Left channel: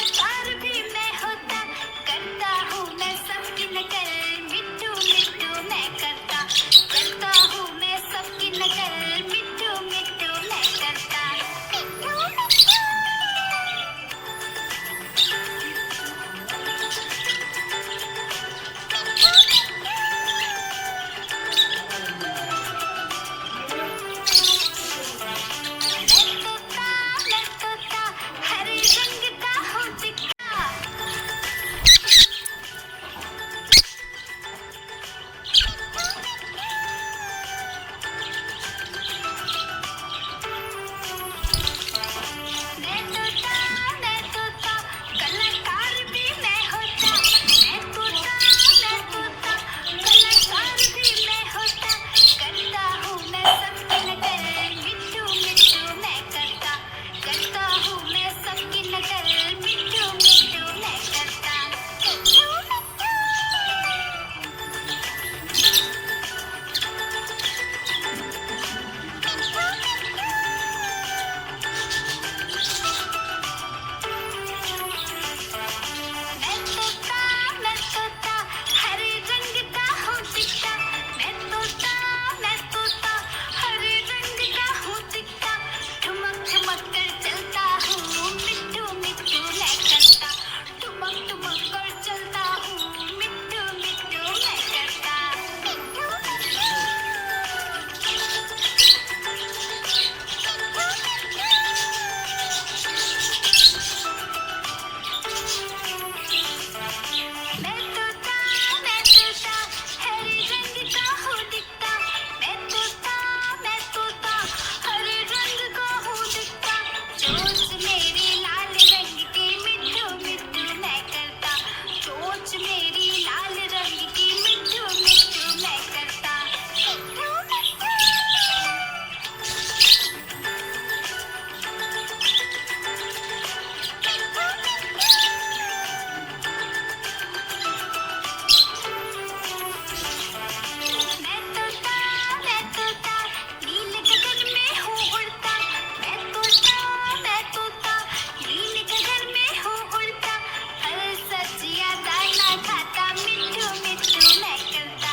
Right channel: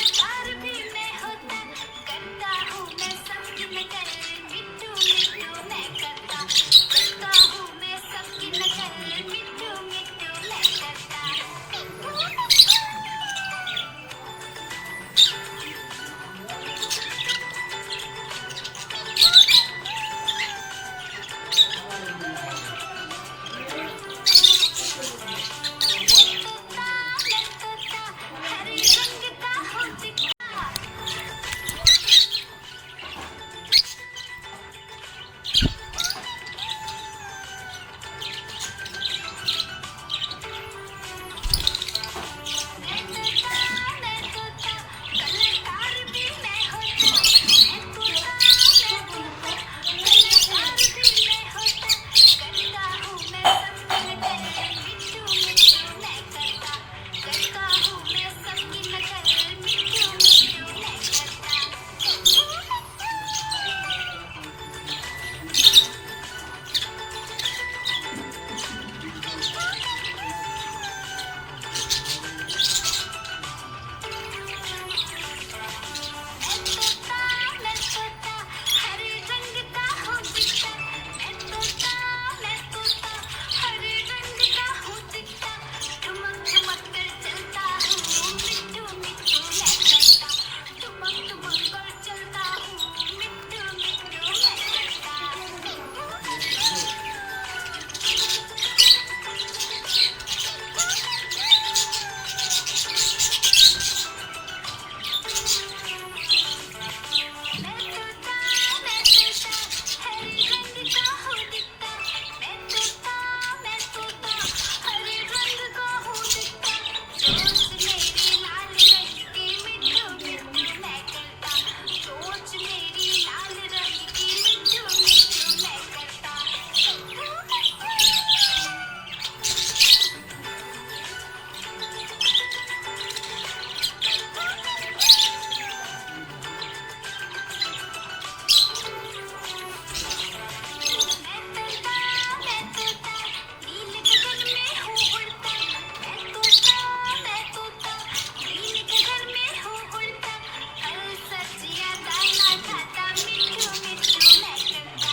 कलाकार भी मैं होता, करता हूँ मैं सबकी नकल, मिट्टू मिट्टू मैं करता हूँ मैं सबकी नकल, मिट्टू मिट्टू मैं करता। मैं तोता हरे रंग का हूँ दिखता। मैं तोता कलाकार भी मैं होता, मैं तोता कलाकार भी मैं होता, करता हूँ मैं सबकी नकल, मिट्टू मिट्टू मैं करता हूँ मैं सबकी नकल, मिट्टू मिट्टू मैं करता। मैं तोता हरे रंग का हूँ दिखता, मैं तोता हरे रंग का हूँ दिखता, ठुमक ठुमक कर चलता हूँ, मिट्टू मिट्टू मैं करता, ठुमक ठुमक कर चलता हूँ, मिट्टू मिट्टू मैं करता। मैं तोता हरे रंग का हूँ दिखता, मैं तोता हरे रंग का हूँ दिखता, चोंच मेरी लाल रंग की, मिट्टू मिट्टू मैं करता, चोंच मेरी लाल रंग की, मिट्टू मिट्टू मैं करता। मैं तोता नील गगन में हूँ उड़ता, मैं तोता नील गगन में हूँ उड़ता, फल सब्जियाँ दाना खाता, मिट्टू मिट्टू मैं करता,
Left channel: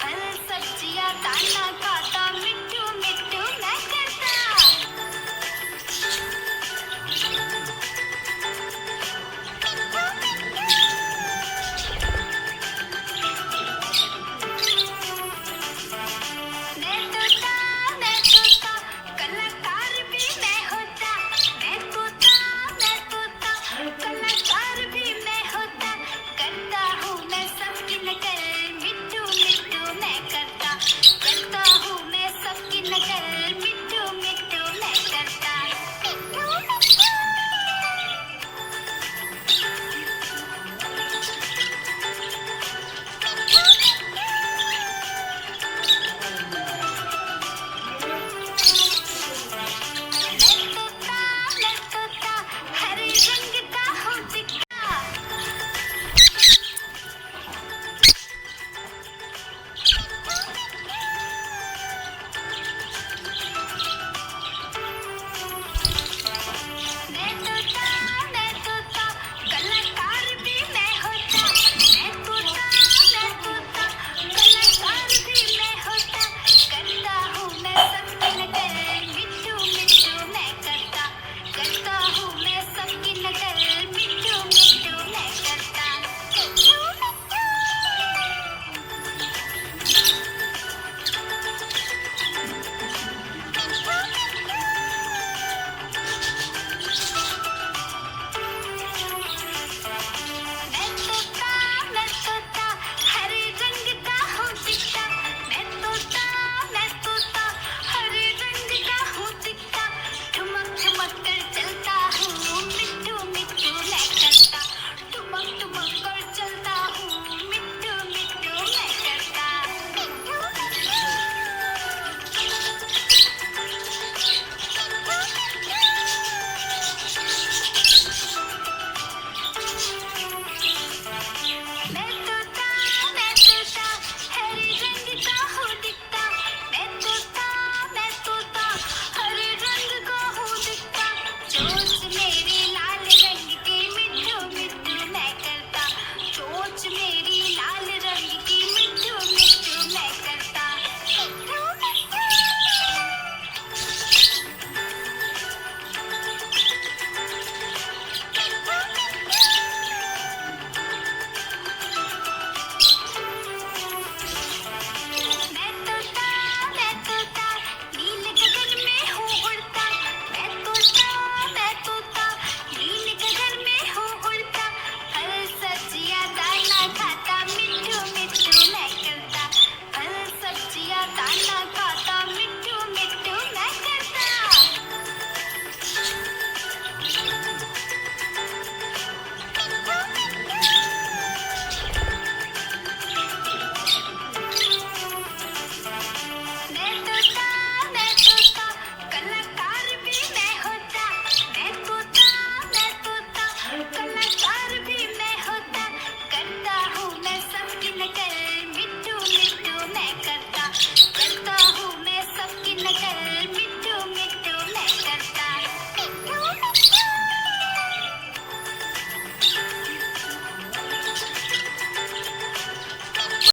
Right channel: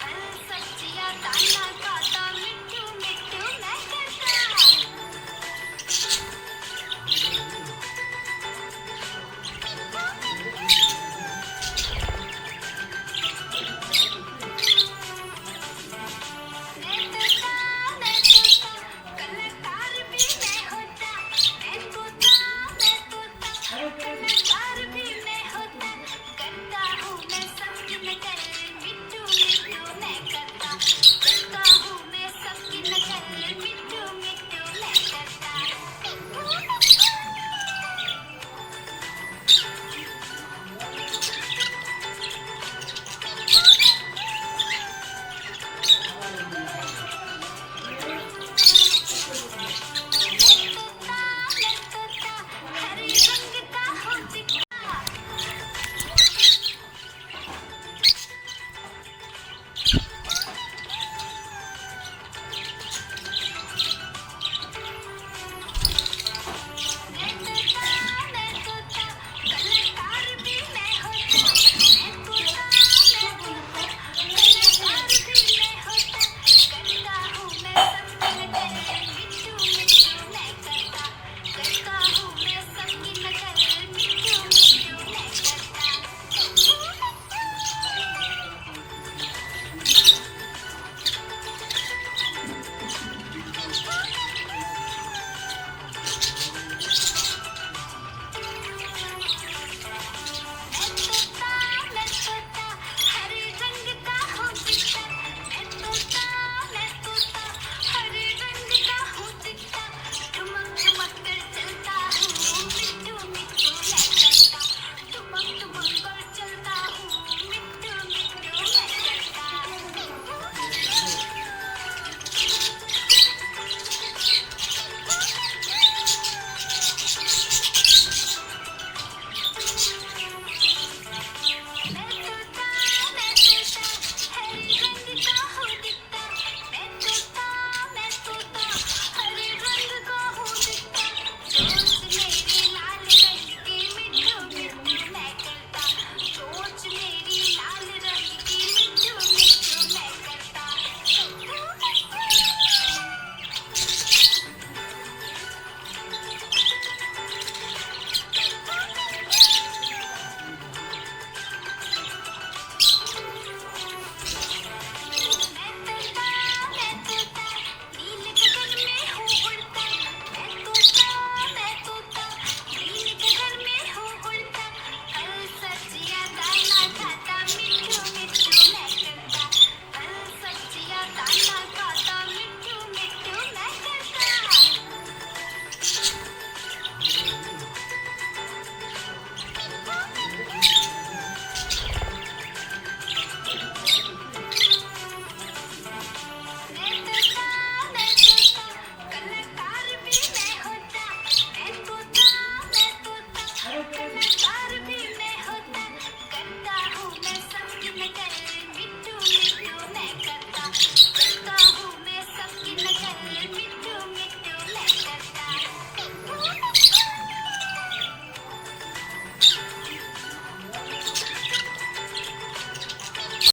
फल सब्जियाँ दाना खाता, मिट्टू मिट्टू मैं करता। मैं तोता कलाकार भी मैं होता, मैं तोता कलाकार